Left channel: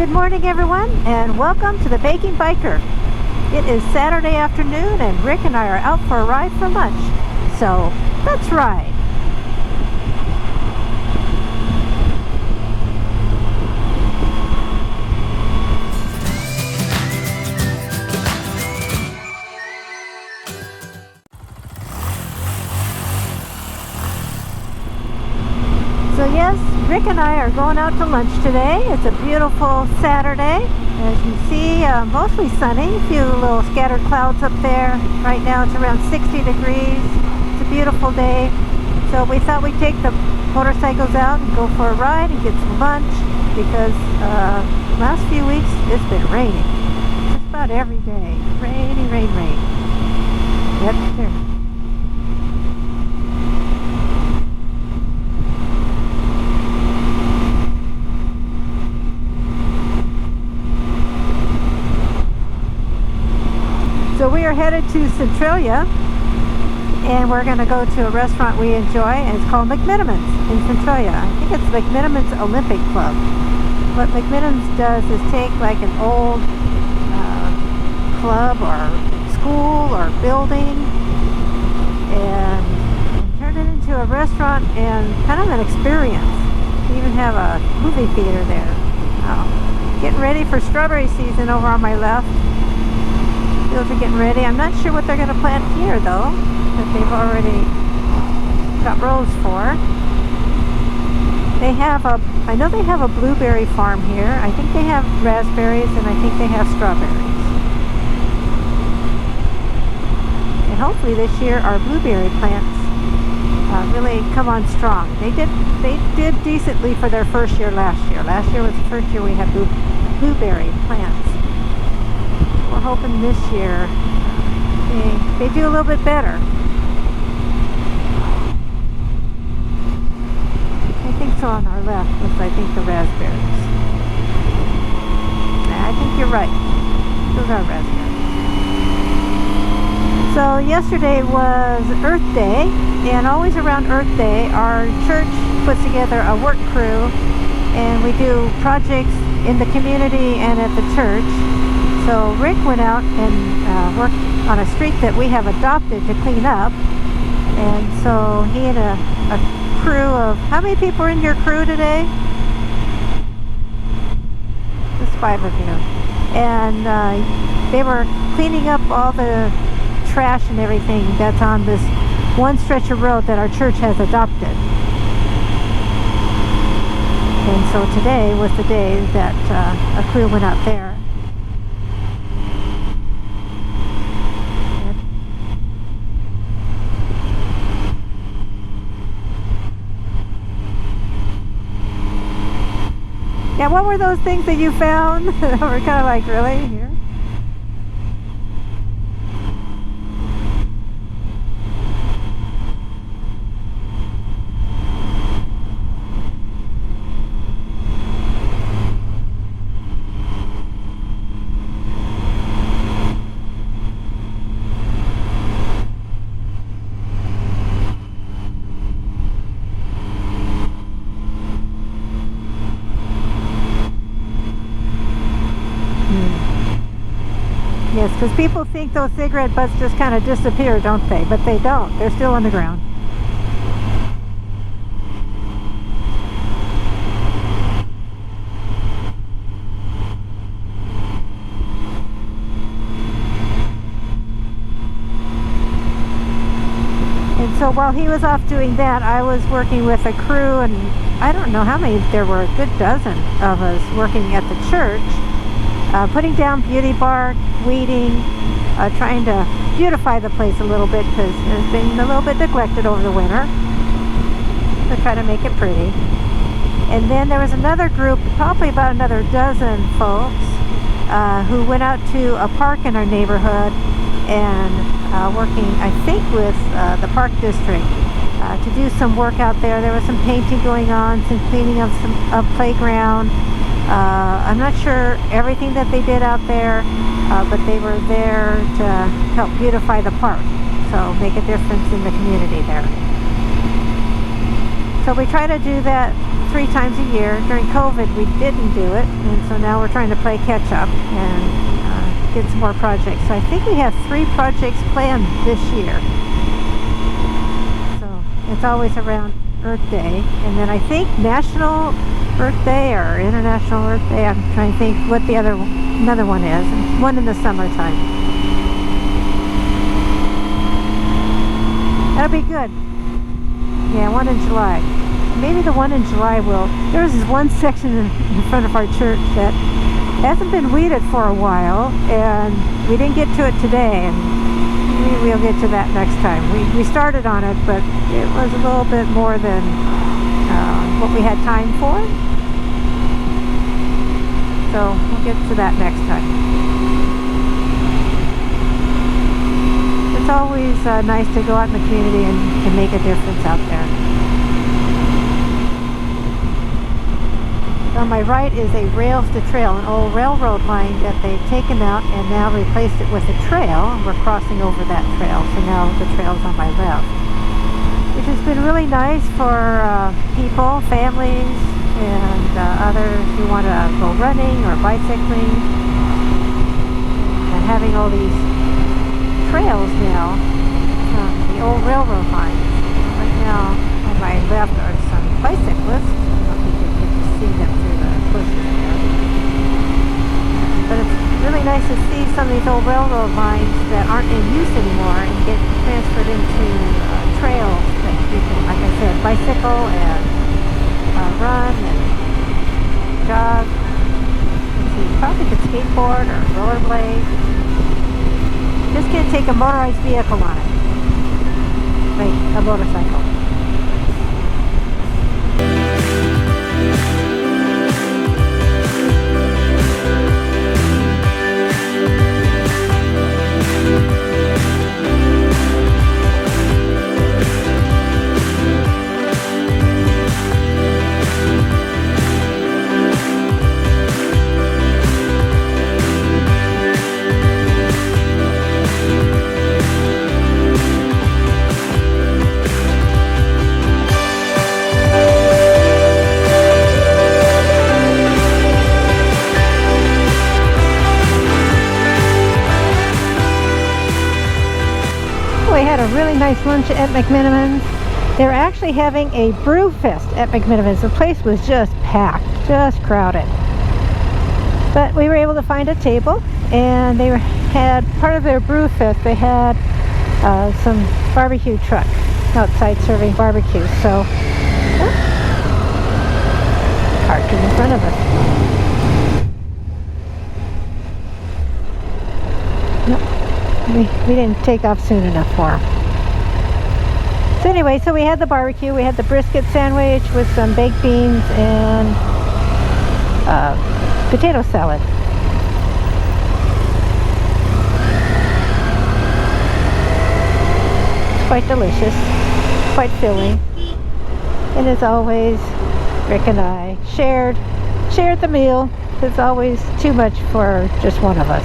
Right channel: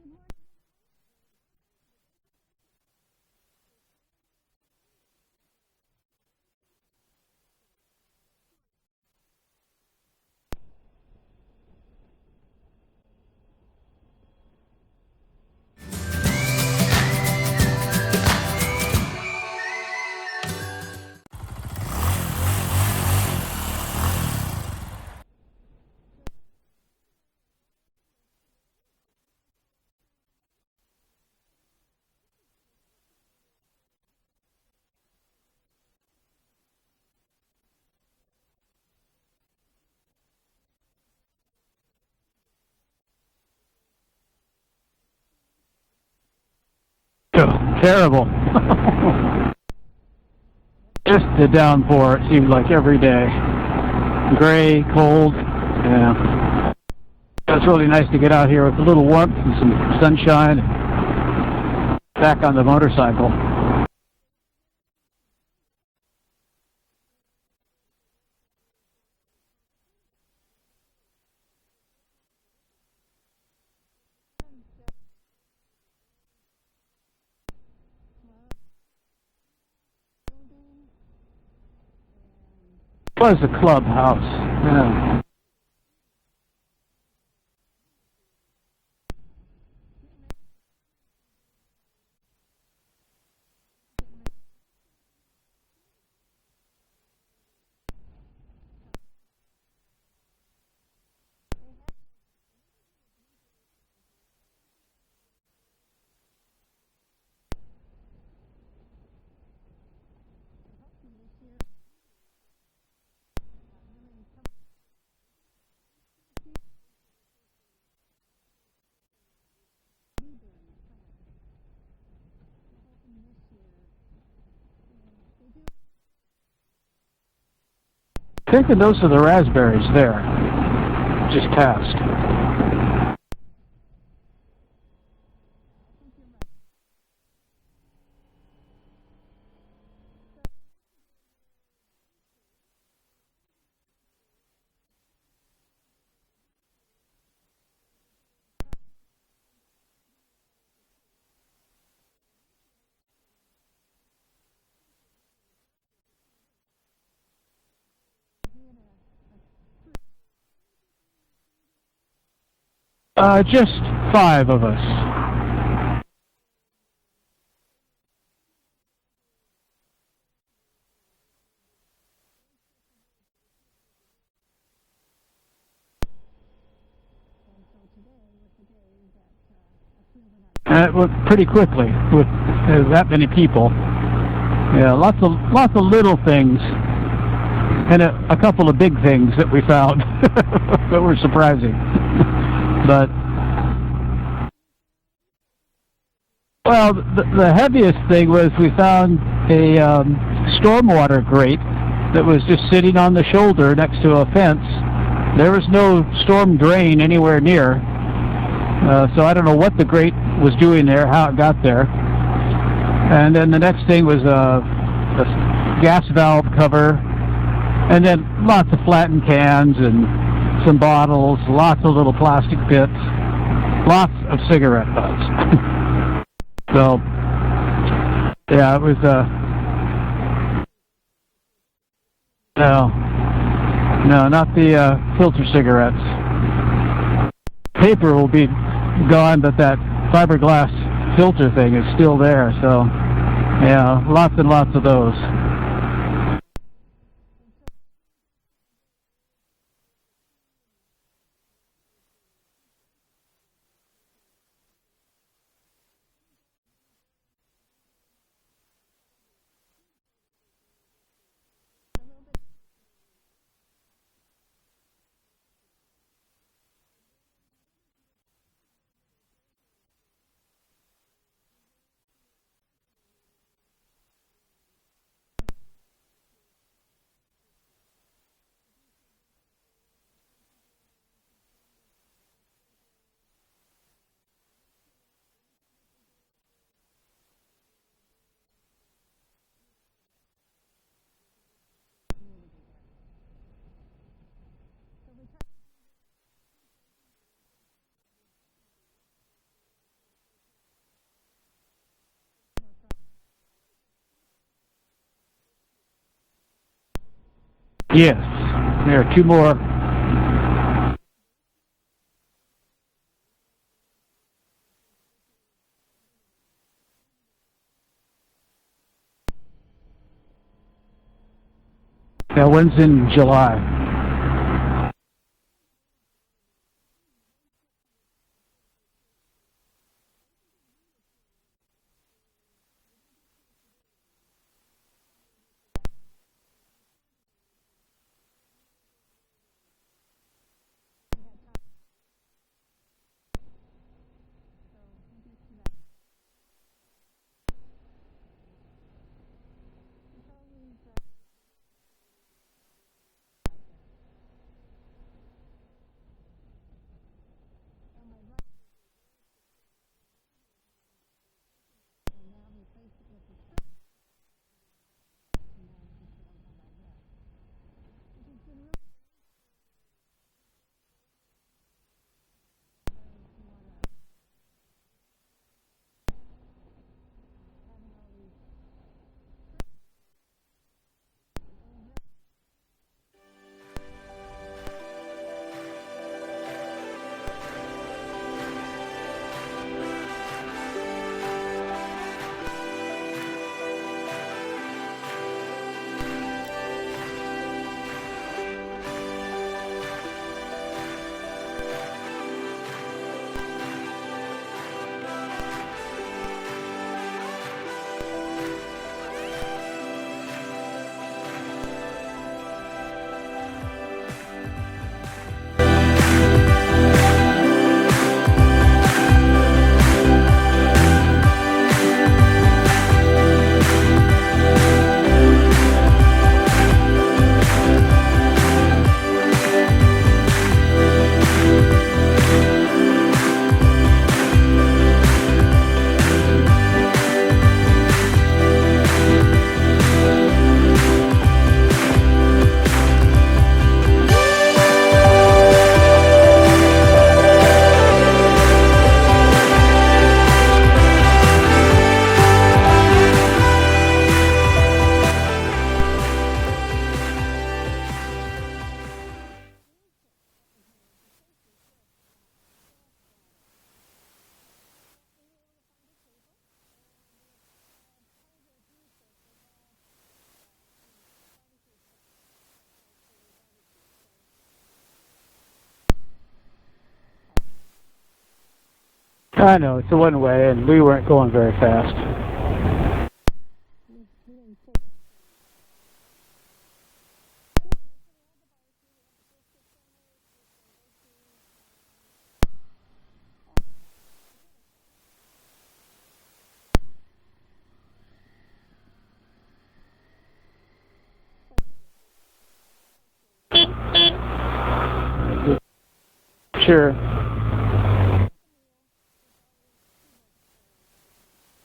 Good morning, everyone, and welcome to the Baking Biker. It is Saturday afternoon, and Rick and I are out for a ride for lunch. So, let's ride. So yes, Rick and I are going out to lunch today. It's a beautiful Saturday. As you see, mostly sunny, a few little scattered clouds up there. Right now it's around 60 degrees. It's a beautiful day. So we thought we'd take the motorcycles out and go for a ride and get some lunch because last few weeks it's been raining. Terrible. Rain. Yep. Just the downpour, it seemed like every day. Gray, cold. Yeah. It's really nice to get out here with a little warmth and some sunshine. Back on the motorcycle. So we are headed to Centralia, and we're going to go to a restaurant we enjoy, and it's called McMenamins in Centralia. I think it's McMenamins Olympic Club. What McMenamins does is take like an old club or school or building and It was a turn it clubhouse. into a restaurant and kind of an experience. They even have a movie theater there. Getting ready for strawberry season over on my left. Fields are getting ready. I'm not sure what they're going to plant here though, that they've already got rows for. They have I know they have a blueberry farm here. I think they have raspberries and I think they have strawberries. And hopefully this year our blueberry plants really come on strong. They did decently for their first year last year. Last year was the first year we had blueberry plants. We're hoping this year they do a little bit better. Taking those are the raspberries there. Just passed. I think the raspberries. I think you're right. Those are raspberries. So yesterday was Earth Day, and always around Earth Day, our church puts together a work crew, and we do projects in the community and at the church. So Rick went out and worked on a street that we have adopted to clean up, and so he had a crew of, how many people are in your crew today? Just 5 of us. Just 5 of you. And they were cleaning up all the trash and everything that's on this one stretch of road that our church has adopted. And so today was the day that a crew went out there. And it went pretty quickly with that many people. Yeah, lots of little things, and a couple of big things that we found that were surprising. But yeah, what were those things that you found? We're kind of like, really? well, the heaviest thing was we found a stormwater grate that was just sitting on the shoulder next to a fence. There was no storm drain anywhere near, so I don't know what the grate was doing there, how it got there. And then the next thing was a gas valve cover, and then lots of flattened cans and some bottles, lots of little plastic bits, lots of cigarette butts. So yes, because people think those cigarette butts just kind of disappear, don't they? But they don't. They're still on the ground. No, not the filter cigarettes. Paper will be gone, but that fiberglass filter thing is still there. So, yeah, lots and lots of those. And so while he was off doing that, I was working with a crew, and I don't know how many, there were a good dozen of us working at the church, putting down beauty bark, weeding, trying to beautify the place a little bit because it's been a little bit neglected over the winter. To try to make it pretty. And then there was another group, probably about another dozen folks, who went out to a park in our neighborhood and working, I think, with the park district to do some work out there. There was some painting going on, some cleaning of some playground. I'm not sure everything that they did out there, but they were there to help beautify the park, so make a difference in the community there. So we try to do that 3 times a year. During COVID, we didn't do it, and so now we're trying to play catch up and get some more projects. So I think we have 3 projects planned this year. Yes. It's always There are 2 around more. Earth Day, and then I think National Earth Day or International Earth Day. I'm trying to think what the another one is. And one in the summertime. That'll be That good. one's in July. Yeah, one in July. Maybe the one in July will. There's this one section in front of our church that hasn't been weeded for a while, and we didn't get to it today, and maybe we'll get to that next time. We started on it, but it was a little bit more than what we had time for. So we'll get to that next time. It's always nice to go out in the community and make a difference out there. On my right is a rails to trail, an old railroad line that they've taken out and now replaced it with a trail. We're crossing over that trail, so now the trail's on my left, which has been really nice for people, families, and others who want to go running or bicycling, and having all these trails now from the old railroad lines. Right now on my left are some bicyclists. I don't think you can see them through the bushes there. But it's really nice to see some of these old railroad lines that aren't in use anymore and get transferred into trails that you can, like I said, bicycle and run and jog. You probably could skateboard or rollerblade. Just can't take a motorized vehicle on it, like a motorcycle. Lunch at McMenamins. They're actually having a brew fest at McMenamins. The place was just packed, just crowded. But we were able to find a table, and they had part of their brew fest. They had some barbecue truck outside serving barbecue. So, parked in front of us. I know, it's a one-way, and we weren't going very fast. Nope. We didn't take off soon enough for them. So anyway, so we had the barbecue, we had the brisket sandwich with some baked beans and potato salad. It's quite delicious, quite filling. And as always, Rick and I shared the meal. It's always too much for just one of us.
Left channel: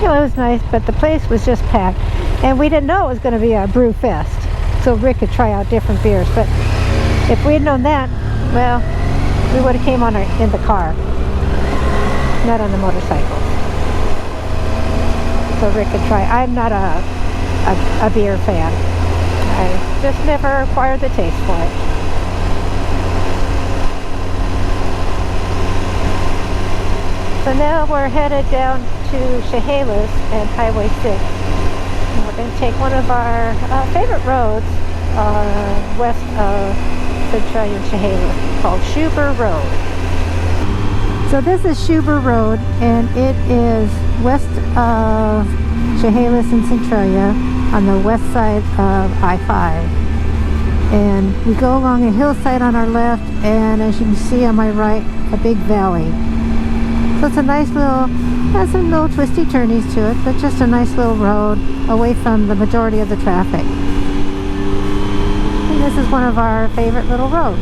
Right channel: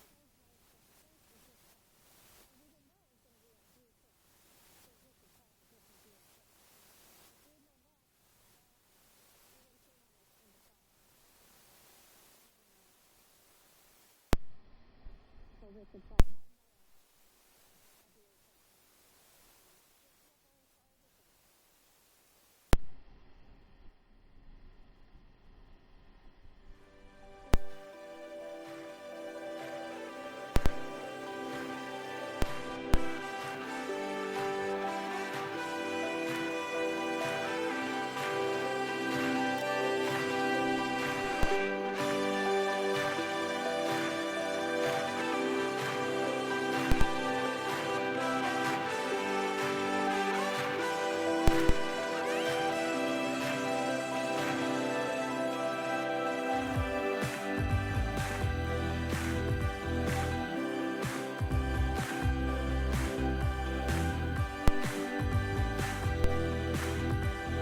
You know, it was nice, but the place was just packed. And we didn't know it was going to be a brew fest, so Rick could try out different beers. But if we had known that, well, we would have came on in the car, not on the motorcycle. So Rick could try. I'm not a beer fan. I just never acquired the taste for it. So now we're headed down to Chehalis and Highway 6. And we're going to take one of our favorite roads west of Centralia and Chehalis called Scheuber Rd. So this is Scheuber Rd, and it is west of Chehalis and Centralia on the west side of I-5. And we go along a hillside on our left, and as you can see on my right, a big valley. So it's a nice little, has some little twisty turnies to it, but just a nice little road away from the majority of the traffic. And this is one of our favorite little roads.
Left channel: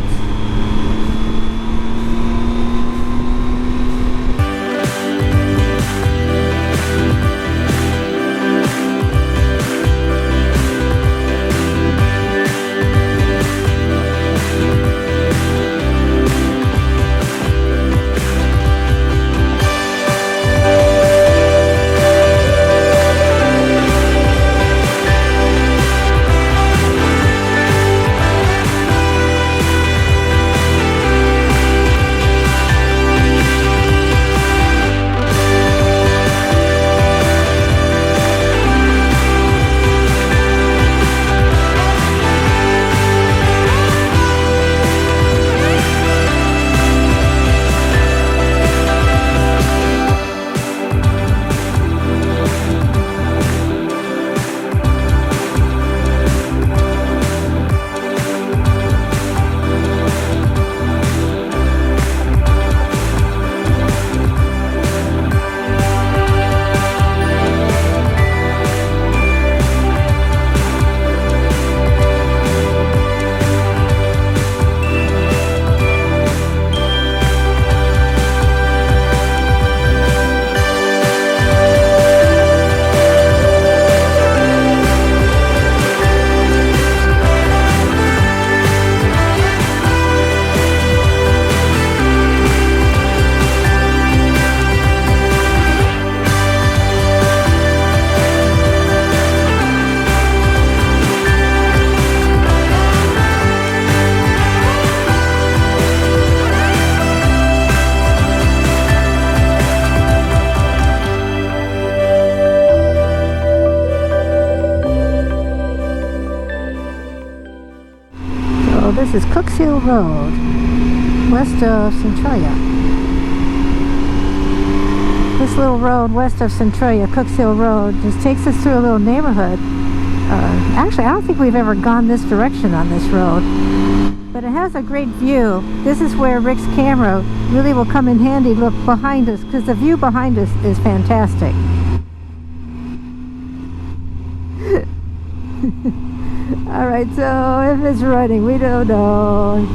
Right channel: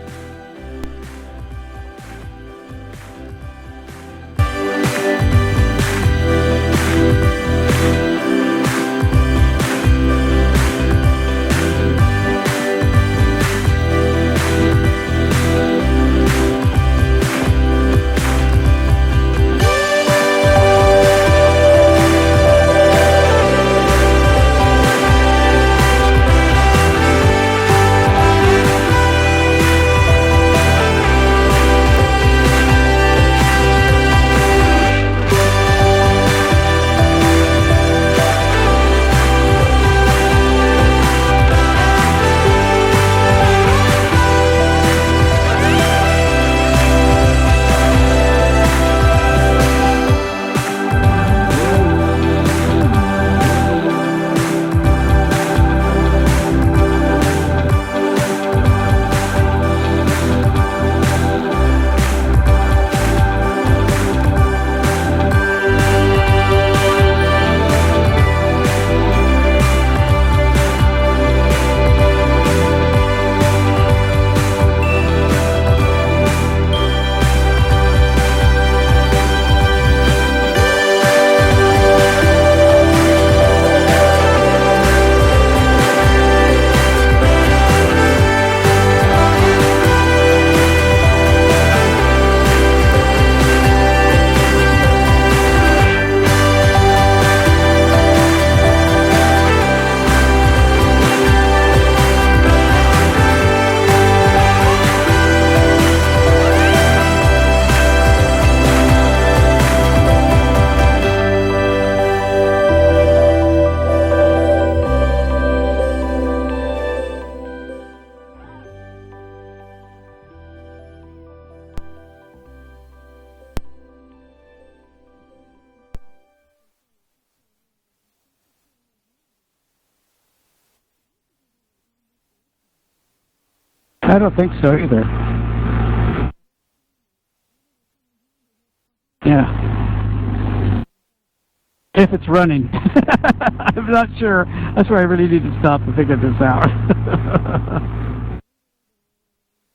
Hill Road, west of Centralia. This little road west of Centralia, Cooks Hill Road, just takes us through a little neighborhood. Actually, I don't think we've ever gone this direction on this road. I don't think so either. It has a great view. This is where Rick's camera really will come in handy. Look behind us, because the view behind us is fantastic. If it's running. I'm not sure. That's why I really need to stop and figure this out. All right, so if it's running, we don't know.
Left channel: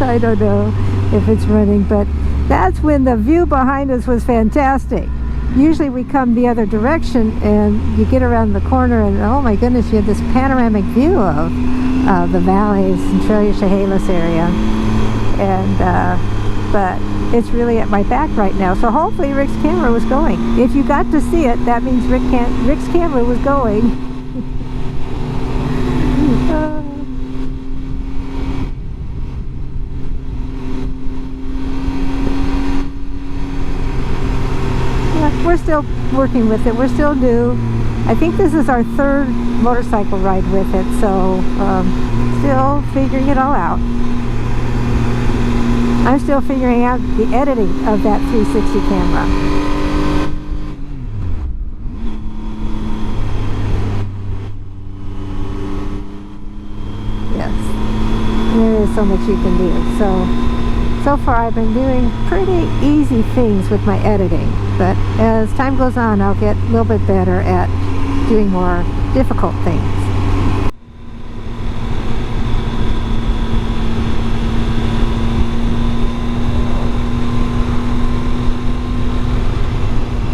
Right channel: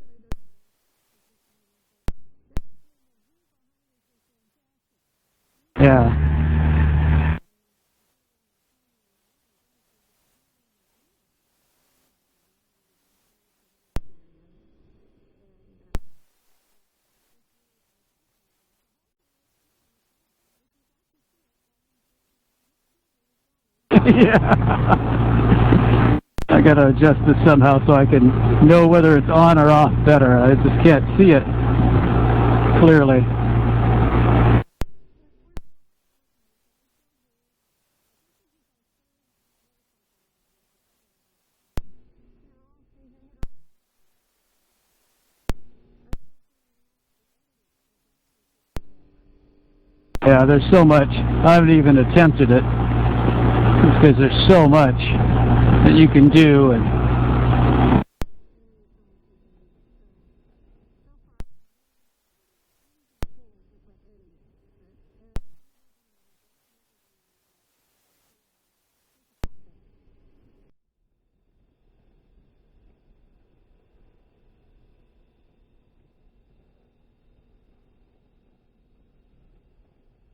I don't know if it's running, but that's when the view behind us was fantastic. Usually we come the other direction and you get around the corner and oh my goodness, you have this panoramic view of the valley, Centralia, Chehalis area. And but it's really at my back right now, so hopefully Rick's camera was going. If you got to see it, that means Rick's camera was going. Yeah. I gotta adjust this somehow so I can know whether it's on or off better. I just can't see it clearly. Yeah, we're still working with it. We're still new. I think this is our third motorcycle ride with it, so still figuring it all out. I'm still figuring out the editing of that 360 camera. Yeah, there's so much. I haven't even attempted it because there's so much that you can do. And yes, there is so much you can do. So far I've been doing pretty easy things with my editing, but as time goes on I'll get a little bit better at doing more difficult things.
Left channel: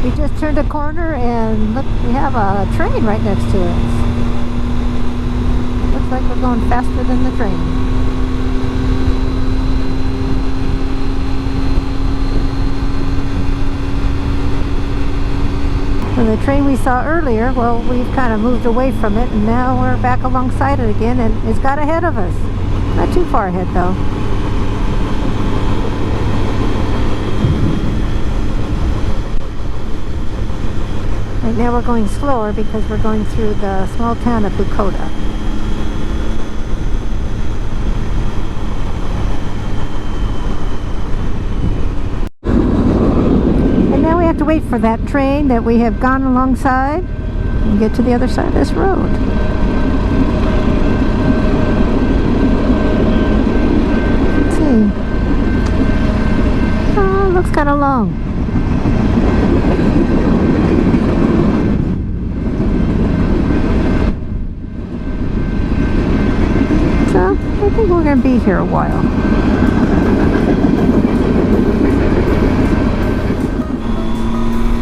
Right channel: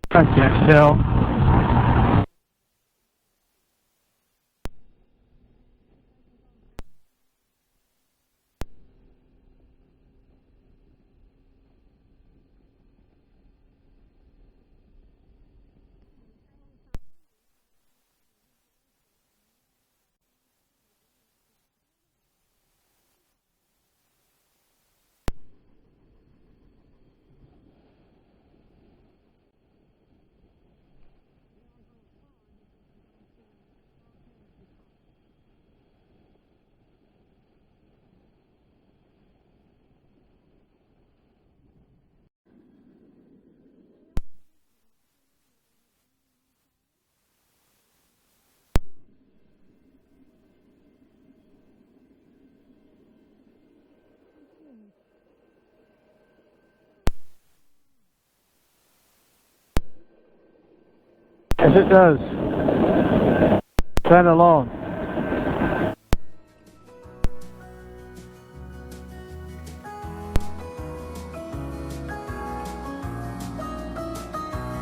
We just turned a corner and look, we have a train right next to us. It looks like we're going faster than the train. So the train we saw earlier, well, we've kind of moved away from it and now we're back alongside it again and it's got ahead of us. Not too far ahead though. Right now we're going slower because we're going through the small town of Bukoda. And now we have to wait for that train that we have gone alongside and get to the other side of this road. Let's see. Oh, looks kind of long. yes, it does. Kind of long. So, I think we're going to be here a while.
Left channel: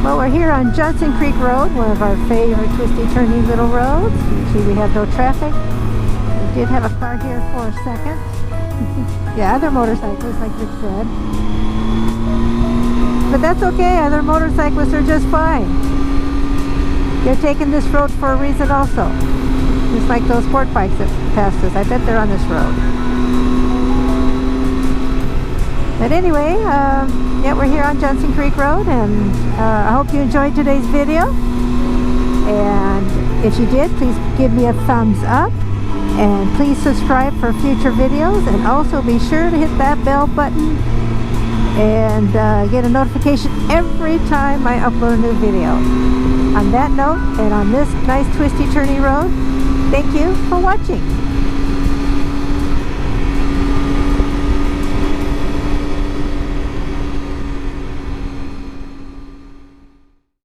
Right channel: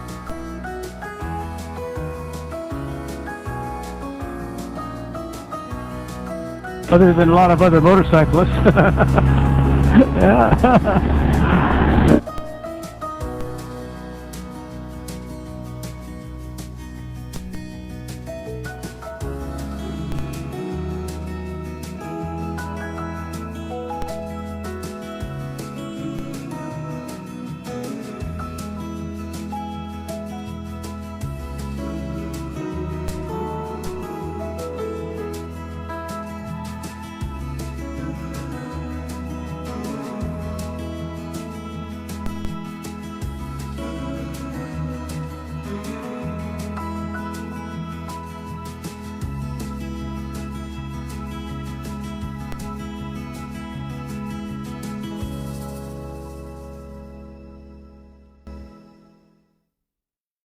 Well, we're here on Johnson Creek Road, one of our favorite twisty, turny little roads. See, we have no traffic. We did have a other than a lot of other motorcyclists. Yeah, other motorcyclists. Yeah. But that's okay, other motorcyclists are just fine. They're taking this road for a reason also. Just like those sport bikes that passed us. I bet they're on this road. But anyway, yeah, we're here on Johnson Creek Road, and I hope you enjoyed today's video. And if you did, please give me a thumbs up. And please subscribe for future videos. And also be sure to hit that bell button and get a notification every time I upload a new video. On that note, and on this nice twisty turny road, thank you for watching.